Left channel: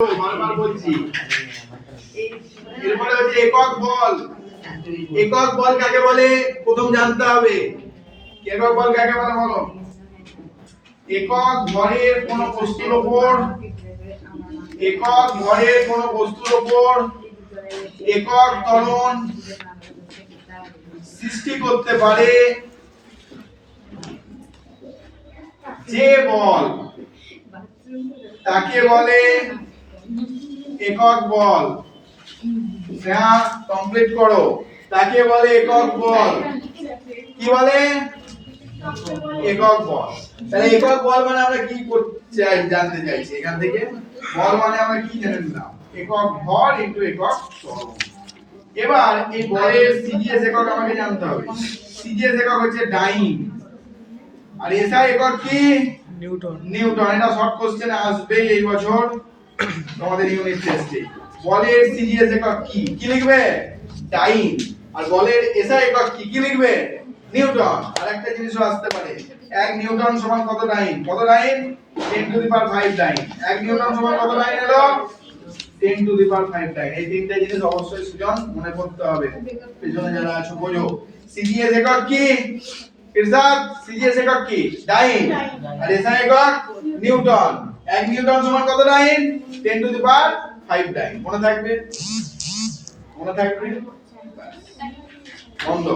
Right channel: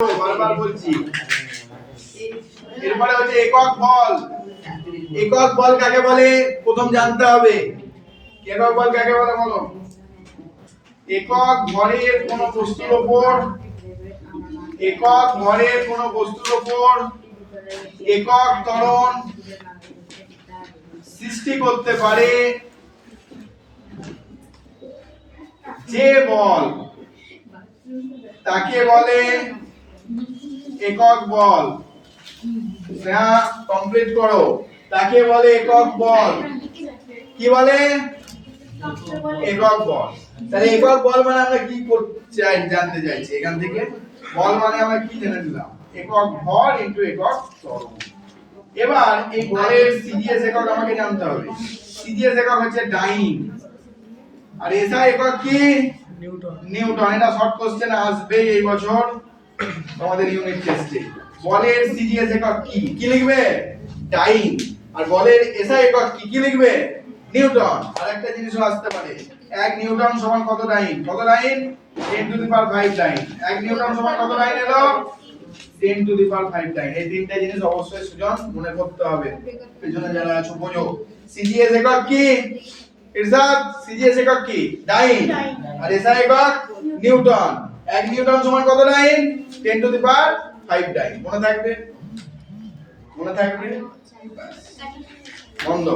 বারবার বলছি। এরপরে হচ্ছে একক বল। একক বল কাকে বলে প্রথম জানতে হবে। একক বল কাকে বলে বলো? একক ভরের কোন বস্তুর উপর একক ত্বরণ সৃষ্টি করতে পারে যে বল তাকে বলে একক বল। হ্যাঁ, কমপ্লিট করো। তাকে বলে একক বল। কি বলে? একক বল। তাহলে একক বল মানে আমরা কি করতে জানতে চাইছি এখান থেকে? বল মানে আমরা কি জেনে নিলাম? একক ভর ইনটু একক ত্বরণ। এবার এই বলের সিজিএস একক আমাকে জানতে হবে। সিজিএস একক হচ্ছে ডাইন, আর এসআই একক কি? নিউটন। নিউটন। এটা শর্ট কোশ্চেন আসবে এই বছর তোমাদের ইউনিট টেস্টে। বলের সিজিএস একক কি? কি লিখবে? ডাইন। আর বলের এসআই একক কি? কি লিখবে? নিউটন। আর একটা জিনিসও আসতে পারে, 1 নিউটন সমান কত ডাইন? কত ডাইন? 10 to the power 5 dine. 1 Newton সমান কত ডাইন এলো? 10 টু দি পাওয়ার 5 ডাইন। এই তিনটা জিনিস অবশ্যই সুজন মনে করতে হবে। পেছনে যারা আছো বোঝো। সিজিএস একক কি? ইরশাদ, সিজিএস একক কি? ডাইন। আর এসআই একক নিউটন। 1 নিউটন সমান কত ডাইন? 10 টু দি পাওয়ার 5 ডাইন। মনে থাকবে? মনে থাকবে? বন্ধ।